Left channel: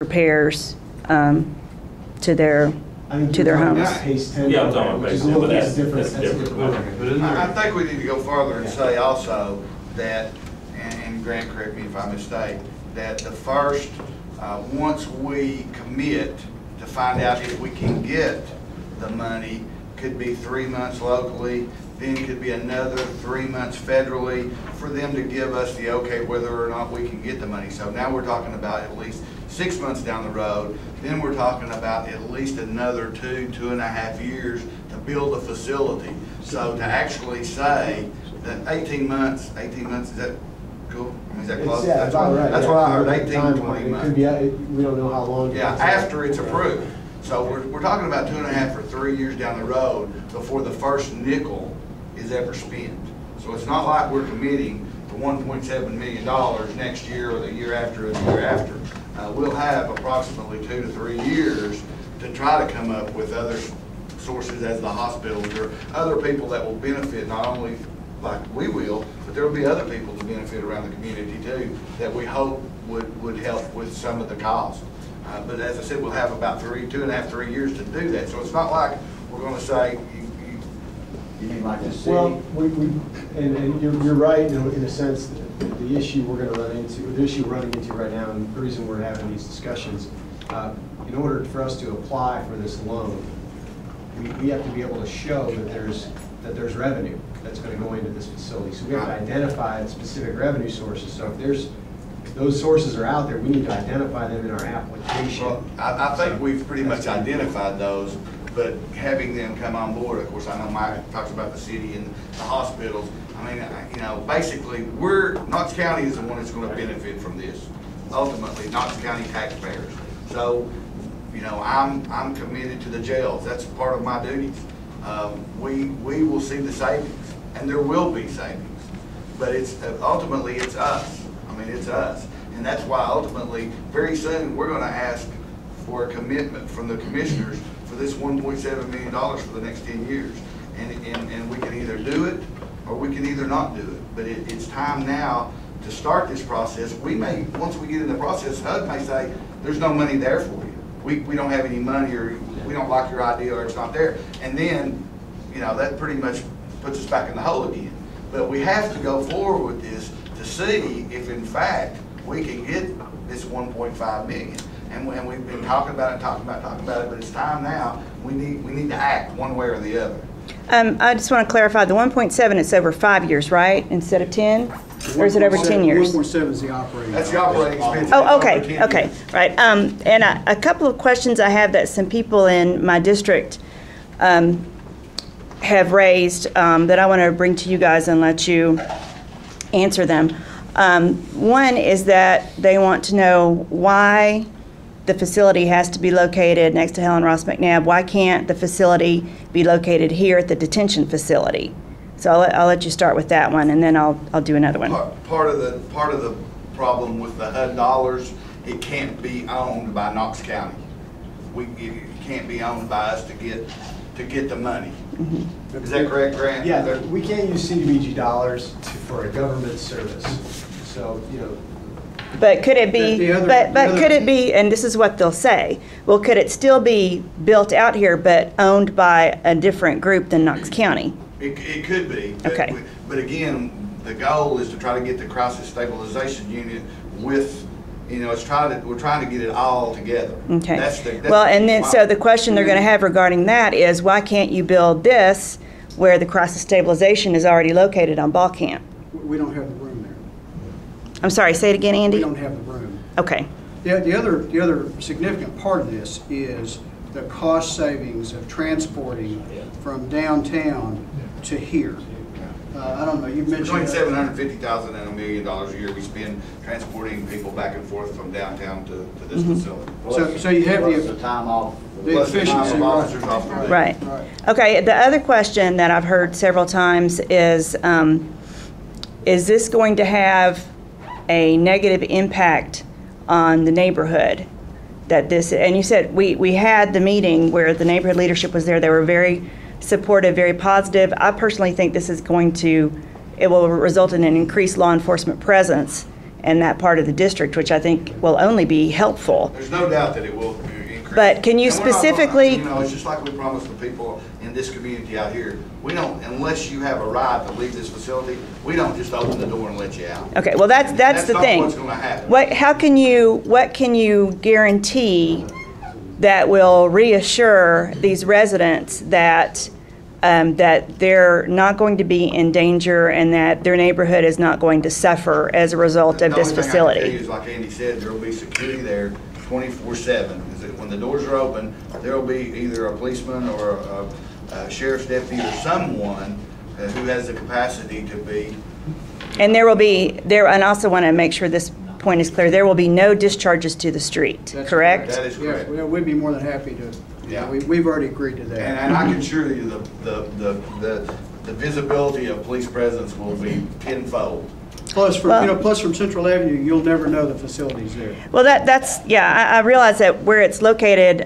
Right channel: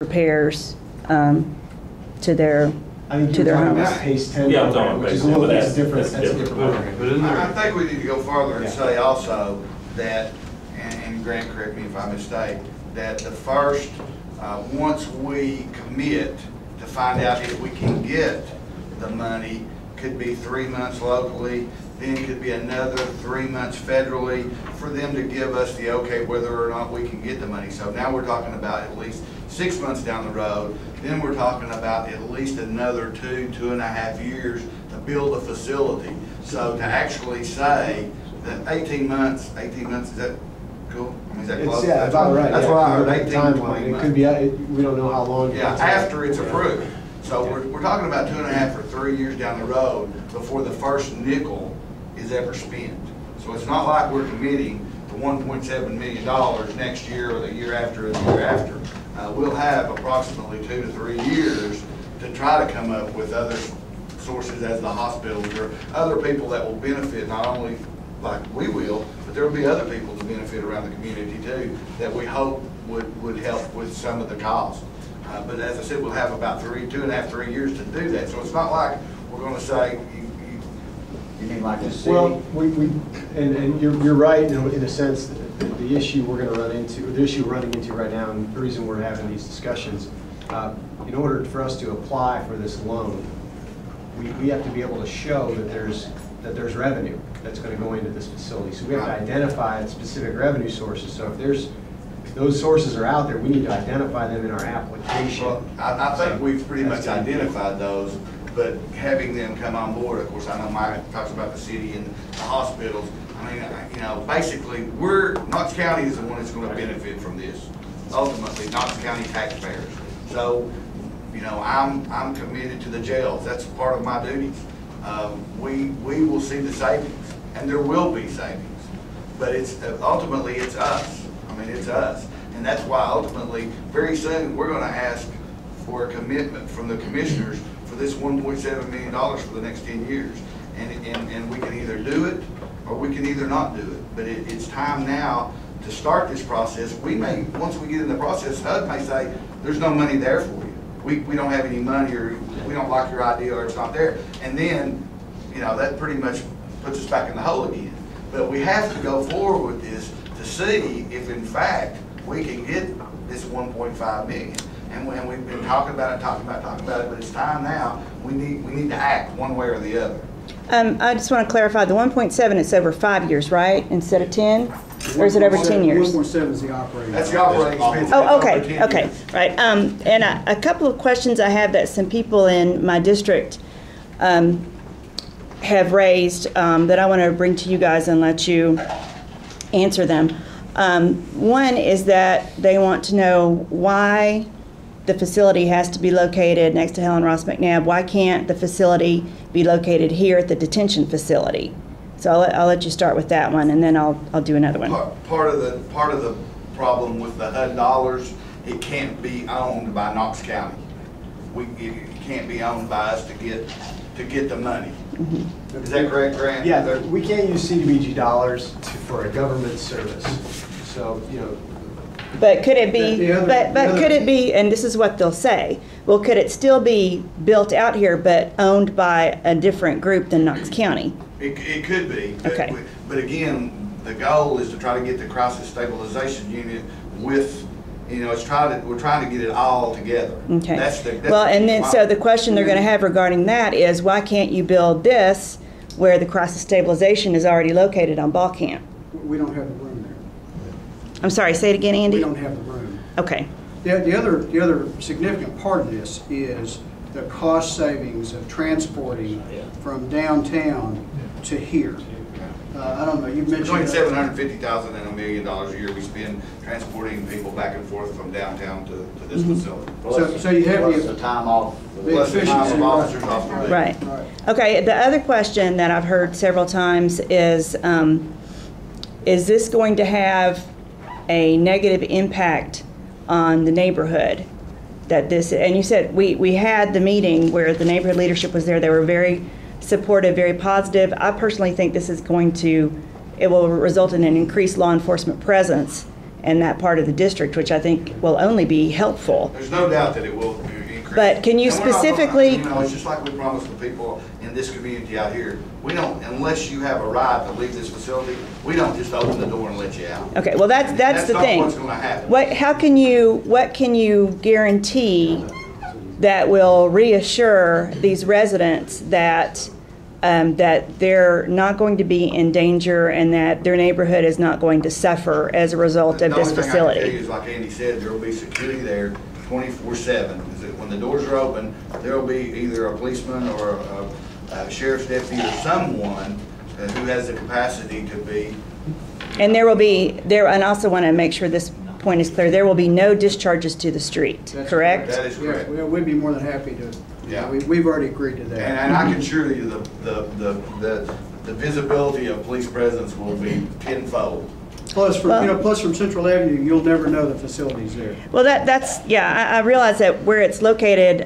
repairs to their homes. Yeah, I'm talking which about is a little that's different. different. That's a different program. But I think we need to go further and say also that, and Grant, correct me if I mistake, that the first, once we commit to find out if we can get the money, could be 3 months locally, then could be another 3 months federally for them to give us the okay whether or not we can get the money. So now we're talking about at least 6 months down the road. Then we're talking about at least another 2.5 years to build a facility. So to actually say that 18 months, is that cool? I mean, is that close? Yeah, that's about right. That's what I heard, 18, 20 months. It could be, we don't know how long. Yeah, after it's approved. So we're talking about 2.5 or 3 years down the road before the first nickel is ever spent. So it's not like we're committing to $1.7 million next year or the year after or the year after. We'll have approximately 2 to 3 years to try to come up with other sources as the hospitals or other people that will benefit, not only like we will, but there will be other people to benefit around the community too that we hope would help with some of the cost. But as I said, we'll have about 2.5, 3 years to do that. So it's not like we're going to say, you mean like the city? Well, and you're right in a sense that the issue we're going to run into, the issue we're running into right now, and the reason we're having these discussions, in order for us to apply for this loan, we have to be able to show that there's revenue that's going to go into this facility. So we have to identify specific revenue sources. So if those sources are out there, we need to identify them in our application. Well, I think we've pretty much identified those, but having them come on board, of course, I know Mike talks about the city and the hospitals. I mean, you know, basically, Knox County is the one that's going to benefit from this. Ultimately, Knox County taxpayers. So, you know, I'm committed to the jails. That's part of my duties. We will see the savings, and there will be savings, but ultimately it's us. I mean, it's us. And that's why ultimately, very soon, we're going to ask for a commitment from the commissioners for this $1.7 million for the next 10 years. And we can either do it or we can either not do it. But it's time now to start this process. We may, once we get in the process, HUD may say, there's no money there for you. We don't have any money, or we don't like your idea, or it's not there. And then, you know, that pretty much puts us back in the hole again. But we have to go forward with this to see if in fact we can get this 1.5 million. And we've been talking about it, but it's time now. We need to act one way or the other. I just want to clarify, the 1.7, it's over 5 years, right, instead of 10? Or is it over 10 years? 1.7 is the operating. That's the operating expense. Oh, okay, right. And a couple of questions I have that some people in my district have raised that I want to bring to you guys and let you answer them. One is that they want to know why the facility has to be located next to Helen Ross McNabb. Why can't the facility be located here at the detention facility? So I'll let you start with that one, and then I'll do another one. Part of the problem with the HUD dollars, it can't be owned by Knox County. It can't be owned by us to get the money. Mm-hmm. Is that correct, Grant? Yeah, we can't use CDBG dollars for a government service. So, you know. But could it be, could it be, and this is what they'll say, well, could it still be built out here but owned by a different group than Knox County? It could be. Okay. But again, the goal is to try to get the crisis stabilization unit with, you know, we're trying to get it all together. Okay. That's well, and then so the question they're going to have regarding that is, why can't you build this where the crisis stabilization is already located on Ball Camp? We don't have the room there. I'm sorry, say it again, Andy? We don't have the room. Okay. The other significant part of this is the cost savings of transporting from downtown to here. I don't know, you've mentioned between $750,000 and $1 million a year we spend transporting people back and forth from downtown to this facility. So you have the time off. The efficiency. Right. Okay, the other question that I've heard several times is this going to have a negative impact on the neighborhood? That this, and you said we had the meeting where the neighborhood leadership was there. They were very supportive, very positive. I personally think this is it will result in an increased law enforcement presence in that part of the district, which I think will only be helpful. There's no doubt that it will increase. But can you And we're not- specifically- You know, it's just like we promised the people in this community out here. We don't, unless you have a right to leave this facility, we don't just open the door and let you out. Okay, well, that's the thing. That's not what's gonna happen. What can you guarantee that will reassure these residents that that they're not going to be in danger and that their neighborhood is not going to suffer as a result of this The only thing I can facility? tell you is, like Andy said, there will be security there 24/7. When the doors are open, there will be either a policeman or a sheriff's deputy or someone who has the capacity to be. And there will be, and I also want to make sure this point is clear, there will be no discharges to the street, That's correct? That is correct. Yeah, we'd be more than happy to, Yeah. we've already agreed to that. And I can assure you the visibility of police presence will be tenfold. Plus from, Well- plus from Central Avenue, you'll never know the facility's there. Well, that's, yeah, I realize that where it's located,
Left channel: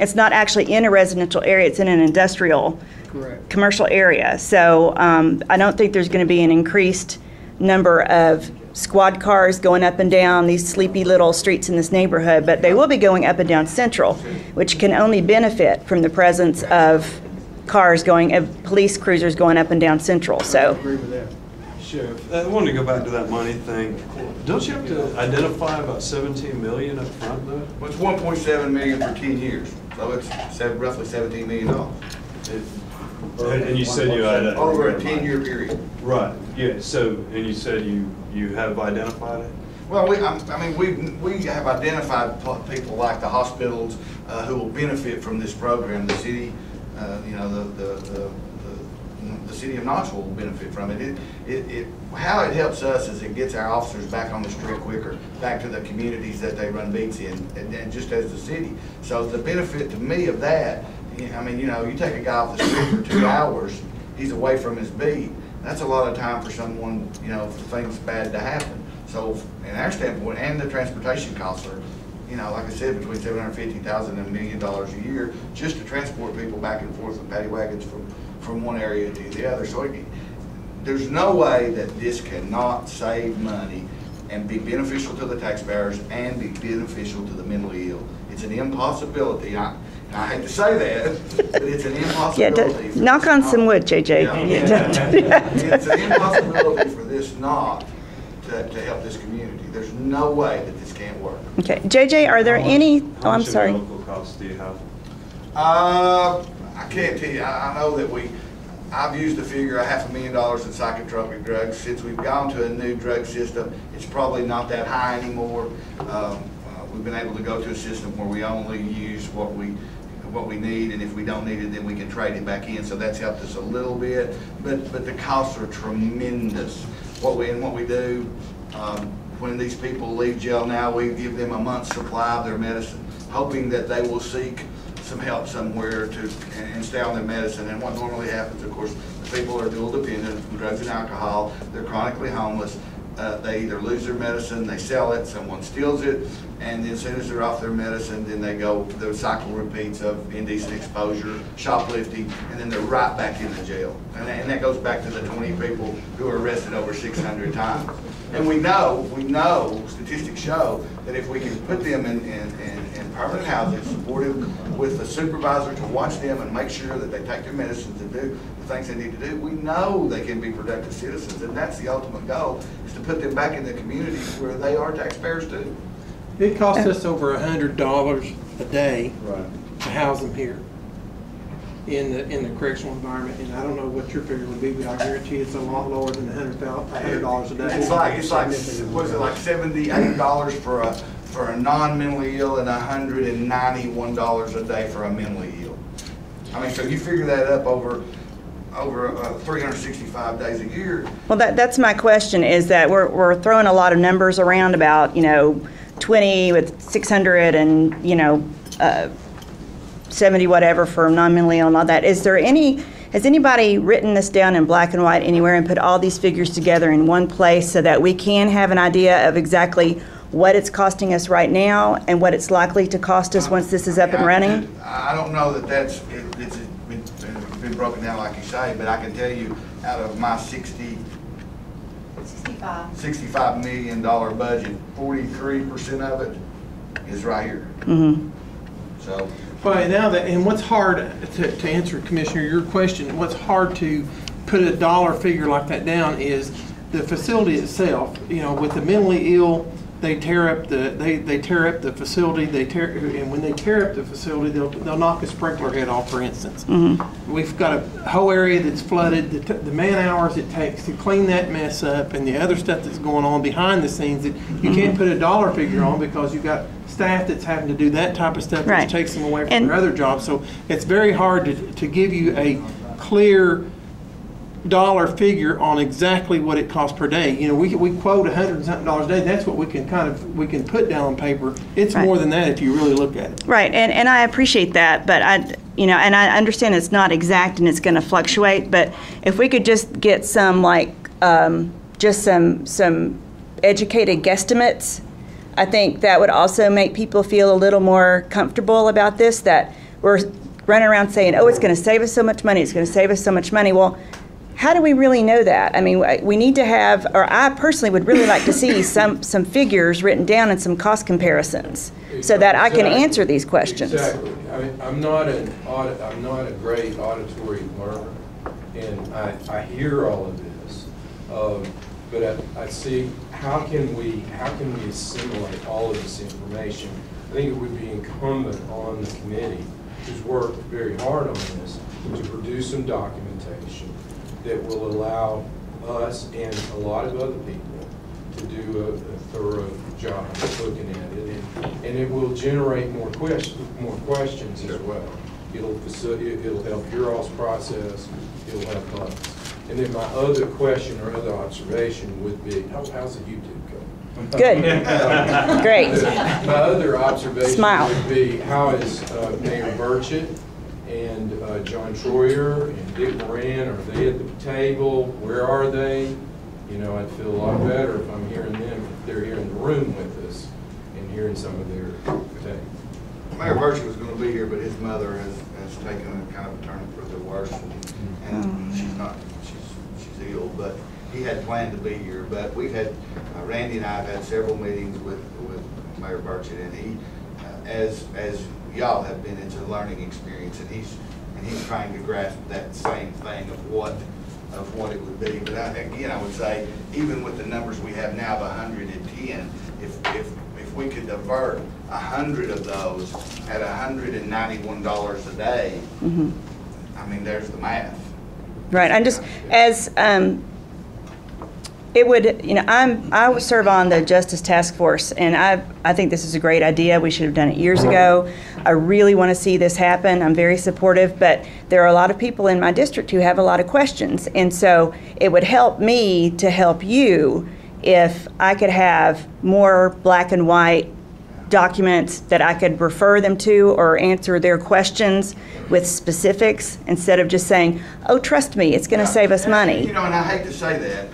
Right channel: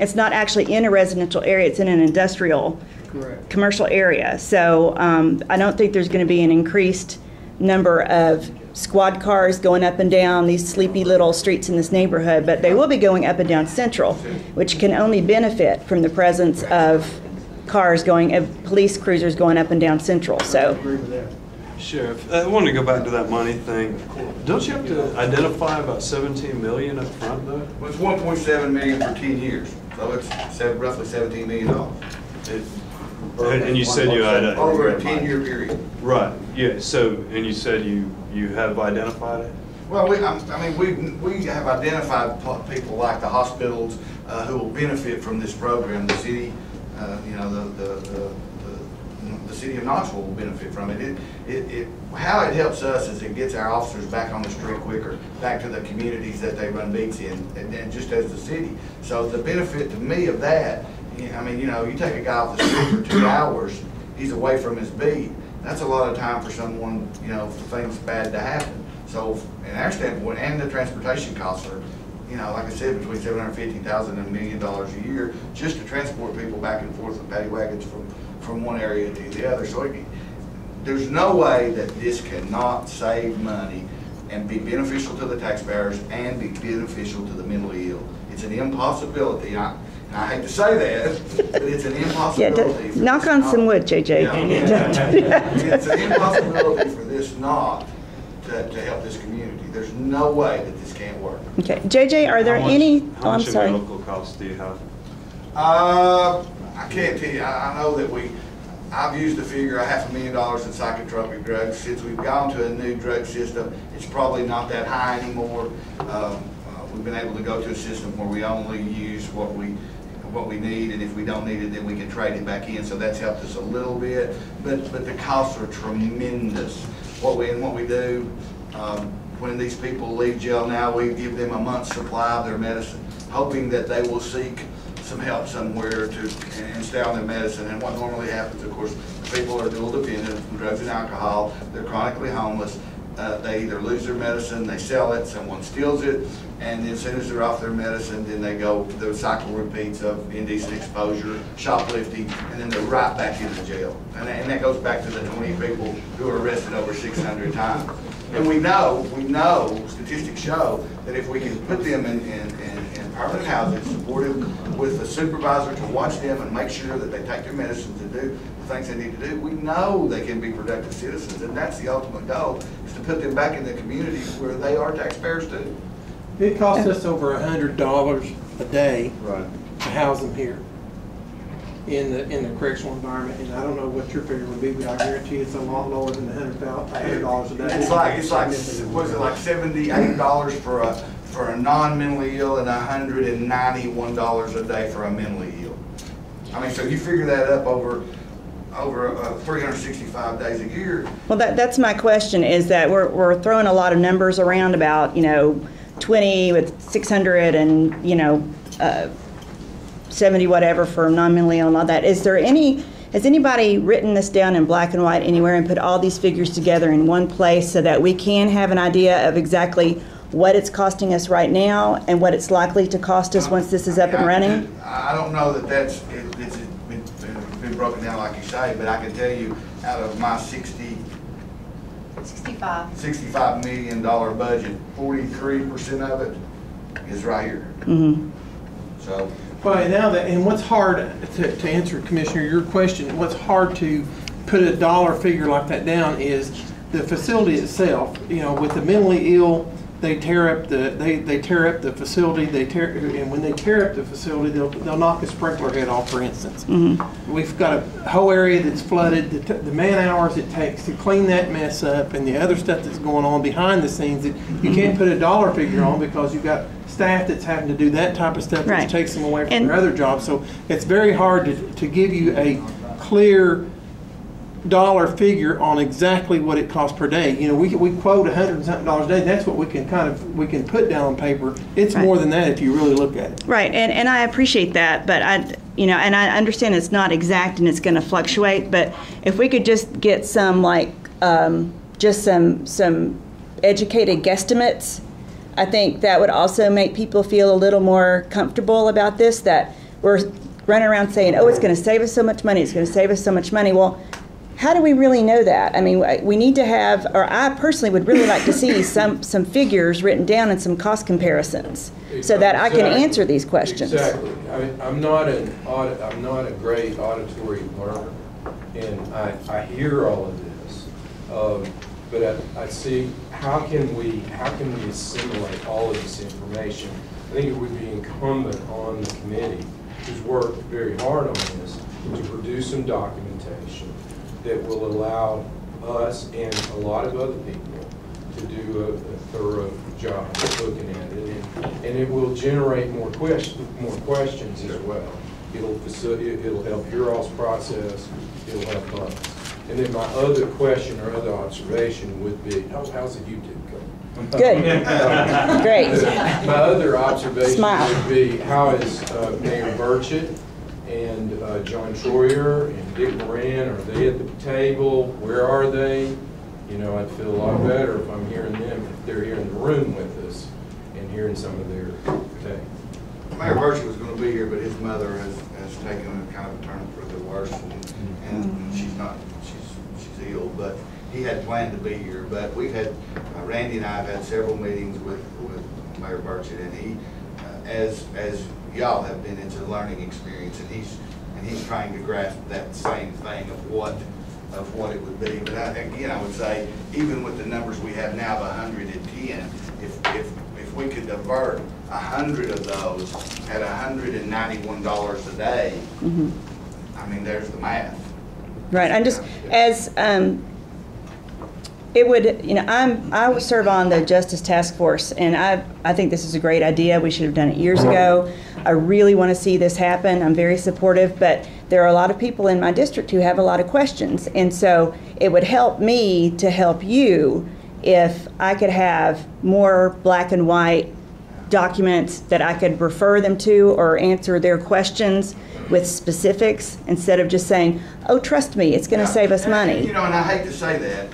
it's not actually in a residential area, it's in an industrial, Correct. commercial area. So I don't think there's going to be an increased number of squad cars going up and down these sleepy little streets in this neighborhood, but they will be going up and down Central, which can only benefit from the presence of cars going, of police cruisers going up and down Central, I so. agree with that. Sheriff, I wanted to go back to that money thing. Don't you have to identify about 17 million up front though? Well, it's 1.7 million for 10 years, so it's roughly $17 million. And you said you had Over a 10-year period. Right, yeah, so, and you said you have identified it? Well, we have identified people like the hospitals who will benefit from this program. The city, the city of Knoxville will benefit from it. How it helps us is it gets our officers back on the street quicker, back to the communities that they run beats in, and then just as the city. So the benefit to me of that, I mean, you take a guy off the street for 2 hours, he's away from his beat. That's a lot of time for someone, for things bad to happen. So, in our standpoint, and the transportation costs are, like I said, between $750,000 and $1 million a year just to transport people back and forth with paddy wagons from one area to the other. So, there's no way that this cannot save money and be beneficial to the taxpayers and be beneficial to the mentally ill. It's an impossibility. I hate to say that, but it's an impossibility. Yeah, knock on some wood, JJ. It's an impossibility for this not to help this community. There's no way that this can't work. Okay, JJ, are there any, oh, I'm sorry. How much in medical costs do you have? I can't tell you. I know that I've used the figure of $500,000 in psychotropic drugs. Since we've gone to a new drug system, it's probably not that high anymore. We've been able to go to a system where we only use what we need, and if we don't need it, then we can trade it back in. So that's helped us a little bit, but the costs are tremendous. What we do when these people leave jail now, we give them a month's supply of their medicine, hoping that they will seek some help somewhere and stay on their medicine. And what normally happens, of course, the people are dual dependent from drugs and alcohol. They're chronically homeless. They either lose their medicine, they sell it, someone steals it, and then as soon as they're off their medicine, then the cycle repeats of indecent exposure, shoplifting, and then they're right back into jail. And that goes back to the 20 people who were arrested over 600 times. And we know, statistics show that if we can put them in permanent housing, support them with a supervisor to watch them and make sure that they take their medicines and do the things they need to do, we know they can be productive citizens. And that's the ultimate goal, is to put them back in the community where they are taxpayers too. It costs us over $100 a day to house them here in the correctional environment, and I don't know what your figure would be, but I guarantee it's a lot lower than $100 a day. It's like was it like $78 for a non-mentally ill and $191 a day for a mentally ill. I mean, so you figure that up over 365 days a year. Well, that's my question, is that we're throwing a lot of numbers around about, 20 with 600 and, 70 whatever for non-mentally ill and all that. Has anybody written this down in black and white anywhere and put all these figures together in one place so that we can have an idea of exactly what it's costing us right now and what it's likely to cost us once this is up and running? I don't know that it's been broken down like you say, but I can tell you out of my 60 65. $65 million budget, 43% of it is right here. So. Well, now that, and what's hard to answer, Commissioner, your question, what's hard to put a dollar figure like that down is the facility itself. You know, with the mentally ill, they tear up the facility. And when they tear up the facility, they'll knock a sprinkler head off, for instance. We've got a whole area that's flooded. The man hours it takes to clean that mess up, and the other stuff that's going on behind the scenes that you can't put a dollar figure on because you've got staff that's having to do that type of stuff, Right. which takes them away from their other jobs. So it's very hard to give you a clear dollar figure on exactly what it costs per day. You know, we quote $100 and something a day. That's what we can put down on paper. It's Right. more than that if you really look at it. Right, and I appreciate that, but I understand it's not exact and it's going to fluctuate, but if we could just get some, like, just some educated guesstimates, I think that would also make people feel a little more comfortable about this, that we're running around saying, oh, it's going to save us so much money, it's going to save us so much money. Well, how do we really know that? I mean, we need to have, or I personally would really like to see some figures written down and some cost comparisons so that I can answer these questions. Exactly. I mean, I'm not a great auditory learner, and I hear all of this, but I see how can we assimilate all of this information. I think it would be incumbent on the committee, who's worked very hard on this, to produce some documentation that will allow us and a lot of other people to do a thorough job of looking at it, and it will generate more questions as well. It'll help your all's process. It'll help us. And then my other question or other observation would be, how's the YouTube going? Good. Great. My other observation Smile. would be, how is Mayor Burchett and John Troyer and Dick Moran, are they at the table? Where are they? You know, I'd feel a lot better if I'm hearing them, if they're here in the room with us and hearing some of their take. Mayor Burchett was going to be here, but his mother has taken a kind of a turn for the worse, and she's ill. But he had planned to be here. But we've had Randy and I have had several meetings with Mayor Burchett, and he, as y'all have been, it's a learning experience, and he's trying to grasp that same thing of what it would be. But I would say, even with the numbers we have now of 110, if we could divert 100 of those at $191 a day, I mean, there's the math. Right. I'm just, as it would, you know, I serve on the Justice Task Force, and I think this is a great idea. We should have done it years ago. I really want to see this happen. I'm very supportive, but there are a lot of people in my district who have a lot of questions, and so it would help me to help you if I could have more black and white documents that I could refer them to or answer their questions with specifics instead of just saying, oh, trust me, it's going to save us money. You know, and I hate to say that,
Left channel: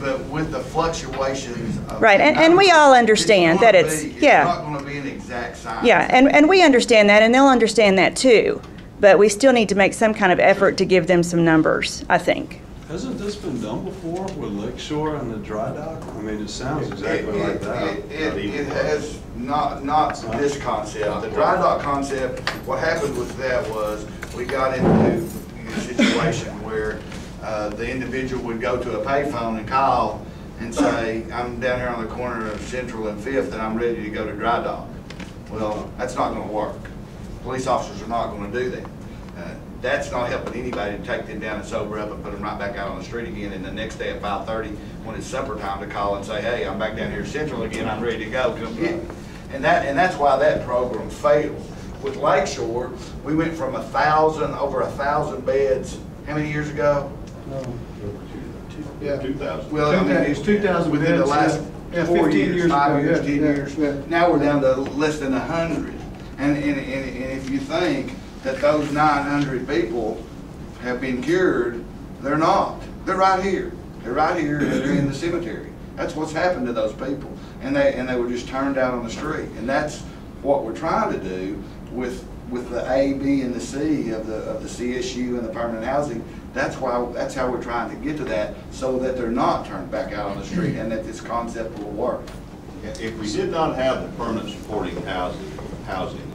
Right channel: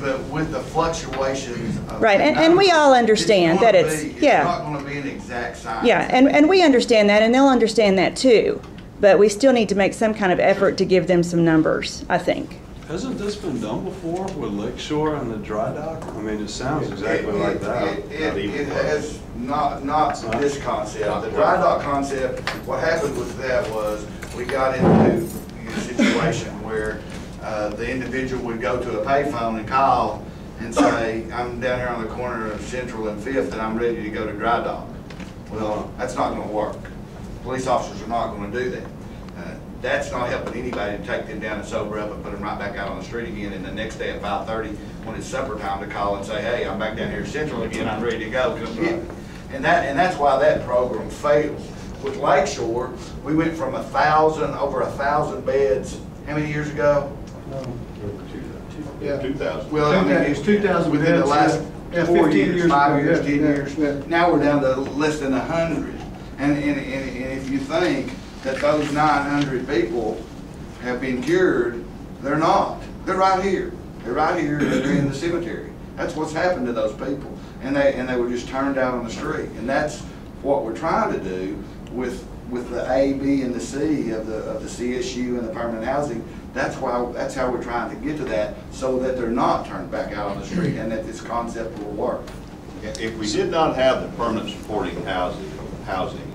but with the fluctuations of right, and we all understand that it's not going to be an exact science. Yeah, and we understand that, and they'll understand that too. But we still need to make some kind of effort to give them some numbers, I think. Hasn't this been done before with Lakeshore and the dry dock? I mean, it sounds exactly like that. It has not this concept. The dry dock concept, what happened with that was we got into a situation where the individual would go to a payphone and call and say, I'm down here on the corner of Central and 5th and I'm ready to go to dry dock. Well, that's not going to work. Police officers are not going to do that. That's not helping anybody to take them down and sober up and put them right back out on the street again. And the next day at 5:30, when it's supper time, to call and say, "Hey, I'm back down here at Central again. I'm ready to go. Come get me." And that's why that program failed. With Lakeshore, we went from over 1,000 beds. How many years ago? Yeah. 2000. Well, I mean, It's 2,000 within the beds, last yeah, 4 15 years, years 5 ago, years, yeah, 10 yeah, years. yeah. Now we're down to less than 100. And if you think that those 900 people have been cured, they're not. They're right here. They're right here, and they're in the cemetery. That's what's happened to those people. And they were just turned out on the street. And that's what we're trying to do with the A, B, and the C of the CSU and the permanent housing. That's how we're trying to get to that, so that they're not turned back out on the street, and that this concept will work. If we did not have the permanent supporting housing,